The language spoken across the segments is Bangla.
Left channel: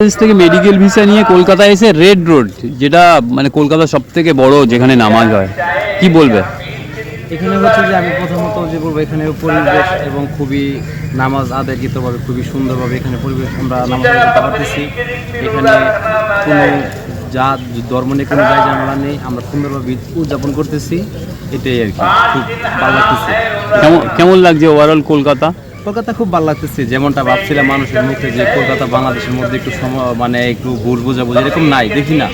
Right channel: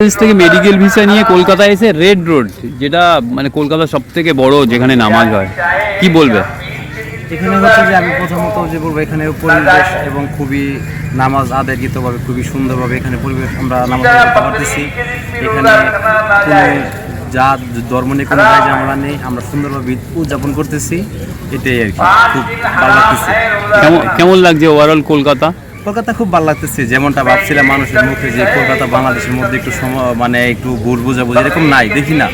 বাংলাদেশ থেকে মেডিকেল ভিসা নিয়ে কলকাতায় এসে রেড রোড যেটা মানে কলকাতার সব থেকে বড় যেখানে নামাজ হয়। কি বলবে? এখানে হচ্ছে যে আমি প্রথমত যে বলব এখানে পরিবেশ এবং খুবই নামাজ আদায়কৃতভাবে খুবই সুন্দরভাবে এখানে পরিবেশ আমরা নামাজ করতে পারতেছি। এখানে কোনো জাত ধর্ম নিয়ে কোনো দায় ঝামেলা নেই আমরা সুন্দরভাবে উদযাপন করতেছি। এটাই আর কি খুব ভালো লাগতেছে। কেমন কেমন লাগছে ওভারঅল কলকাতা? কলকাতা খুব ভালো লাগতেছে যেমনটা ভাবছিলাম মানুষের মুখে যে কলকাতা বাংলাদেশের মধ্যে একটু সম মানে একটু ভুল বোঝাবুঝি এরকম নাই দেখি না।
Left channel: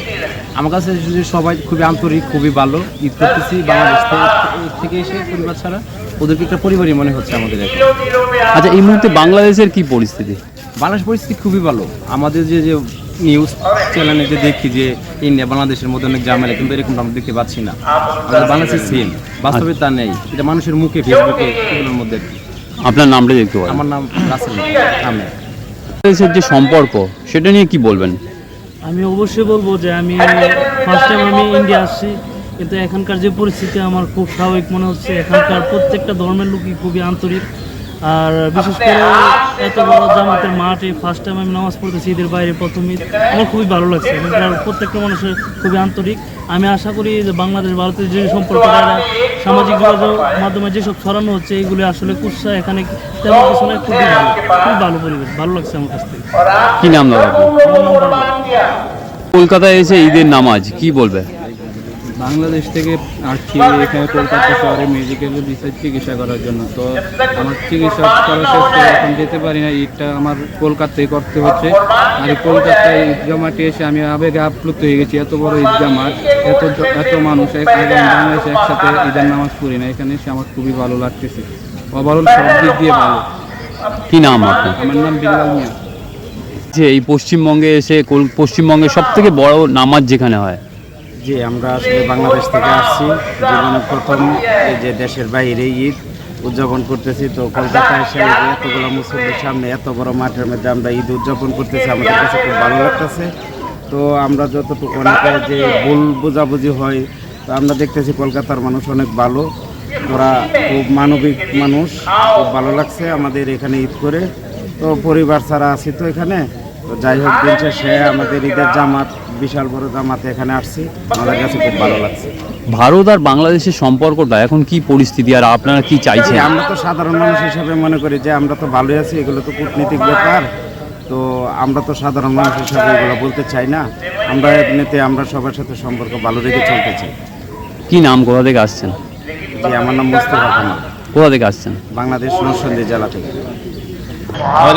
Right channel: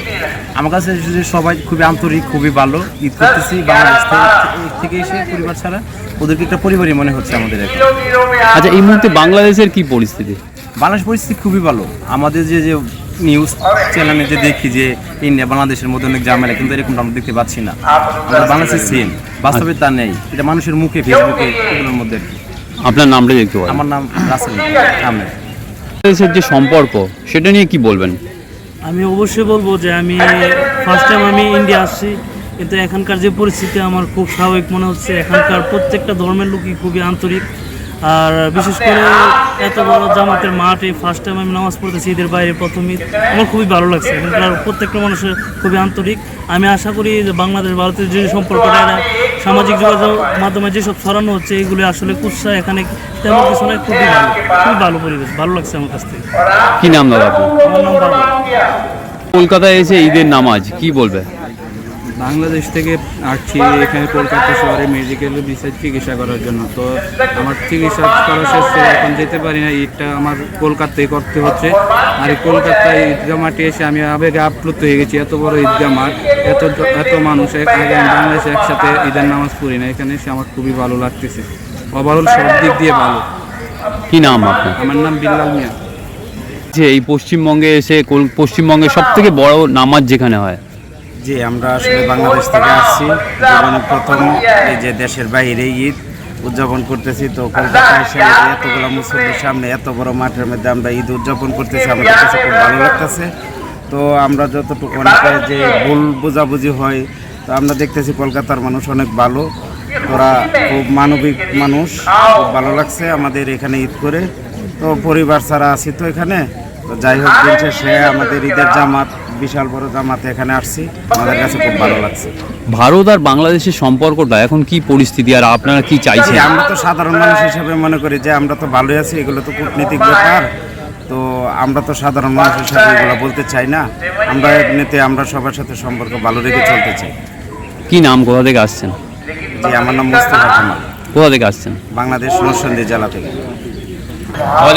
আমার কাছে যে সবাই খুবই আন্তরিক খুবই ভালো ঈদ করতেছি বাংলাদেশ থেকে এসে পরিবার ছাড়া ওদেরকে একটা পরিবারই মনে হচ্ছে আমাদের এখন। আচ্ছা এই মুহূর্তে বাংলাদেশের কি পরিস্থিতি? বাংলাদেশ পরিস্থিতি খুবই ভালো। আমাদের যে যে নিউজ চ্যানেলে যে দেখি যে ইন্ডিয়া বাংলাদেশের মধ্যে অনেক ঝামেলা কিন্তু এরকম আমরা দেখতে পাচ্ছি না। আমাদের বাংলাদেশের সেম বাস্তবে তা নেই। এটা মানুষের মুখে ফেসবুকে এগুলোর মধ্যে আর কি। আপনার নামটা দেখতে পারেন। আমার নাম রাসেল আহমেদ। যে সম্পর্ক সেটা নিয়ে কি বলবেন? আমি অবশ্যই বলব যে আমি ফার্স্ট টাইম আমি ইন্ডিয়া আসছি। কিন্তু এখানকার যে পরিস্থিতি আমার খুব স্বাভাবিক মনে হচ্ছে। এখানকার প্রত্যেকটা ধর্মের লোকই খুবই আন্তরিক। আর বিশেষ করে এত বড় জামাতের মাঠে ফার্স্ট টাইম আমি নামাজ পড়তেছি ঈদের বাইরে প্রথম ঈদ আমার খুবই ভালো লাগছে। এখানকার প্রত্যেকটা মানুষের খুবই আন্তরিক। আমি আশা করি যে বাংলাদেশ ভারতের যে সম্পর্কটা এটা সামাজিক যোগাযোগ মাধ্যমে যেসব ছড়ানো হচ্ছে এইগুলি আসলে কুৎসা এখানে তেমন কিছু নয় খুবই ভালো। খুবই ভালো পরিবেশ ভালো লাগছে আমার কাছ থেকে। কি নাম দাদা আপনার? আমার নাম পারব কলকাতায় এসে ঈদের নামাজ কি বলবে? বাংলাদেশ থেকে আসছি এখানে কলকাতা শহরে মেডিকেল বিষয় চিকিৎসা করার জন্য। তো আমার চিকিৎসা করা শেষে এখন যেতে পারি না ঈদটা আমার কলকাতায় করতে হচ্ছে। আর এই কলকাতায় ঈদগাহ মাঠে এসে আমি আবেগে আপ্লুত হয়ে গেছি এত বড় ঈদগাহ মাঠ এত এত মানুষ এক- আগে আমি বাংলাদেশে একসাথে ঈদের নামাজ পড়ি না এখানে এসে আমার খুবই ভালো লাগতেছে। ওভারঅল সব দিক দিয়ে ভালো। কি নাম আপনার? আমার নাম বিল্লাল মিয়া। যে এই পশ্চিমবঙ্গে এসে পশ্চিমবঙ্গে সব থেকে বড় নামাজ যেখানে হয়? জি, আমরা আসলে বাংলাদেশ থেকে আসছি। জীবনে প্রথম এই যে দেশের বাইরে ঈদ উদযাপন করতেছি। তো কলকাতায় এসে এতগুলো মুসল্লির সামনে এত বড় মাঠের মধ্যে আমরা ঈদ উদযাপন করতেছি, আমাদের কাছে খুব ভালো লাগতেছে। তো আমরা যতটুকু অনেকে যে ভুল বোঝাবুঝি হয়, তো আমরা দেখতেছি কলকাতার মানুষ অনেক ভালো। ওরা খুব মানবিক মানুষ, খুব ভালো লাগছে আমাদের এখানে ঈদ করে। তো পরিবার ছাড়া আছি তো এখানে। তো যাই হোক দিন শেষে আমাদের ঈদের জামাত বিশাল বড় জামাতে এখানে আসছি। আমাদের কাছে খুব ভালো লাগছে। ভারত আর বাংলাদেশের সম্পর্কটা এখন কি পরিস্থিতি আর আপনারা কি চাইছেন? আমরা তো সাধারণ মানুষ হিসেবে মনে করি যে আমরা তো ভালোই আছি এগুলো তো কূটনীতিক ব্যাপার। তো আমরা তো সাধারণ মানুষ হিসাবে এগুলো বলতে চাই না। আমরা এমনিতে আমরা সবার সাথে সম্পর্ক ভালো রেখে চলতে চাই। কি নাম কোথা থেকে আসছেন? জি আমার নাম মোস্তফা কামাল। কোথা থেকে আসছেন? বাংলাদেশ নরসন্দী জেলা থেকে। और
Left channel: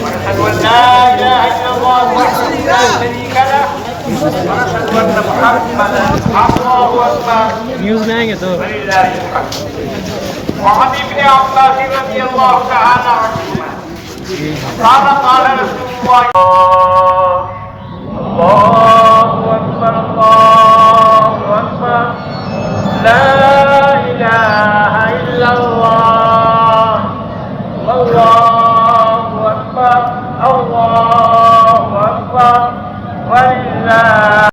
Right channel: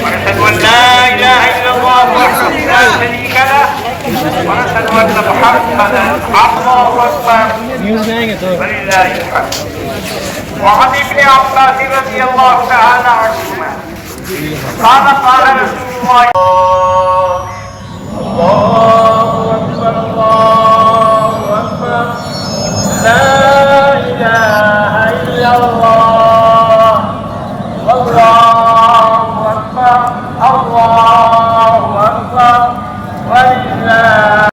واشهد أن لا إله إلا الله وحده لا شريك له وأشهد أن محمدا عبده ورسوله. ولله الحمد. وعن ابن عباس رضي الله تعالى عنهما قال قال رسول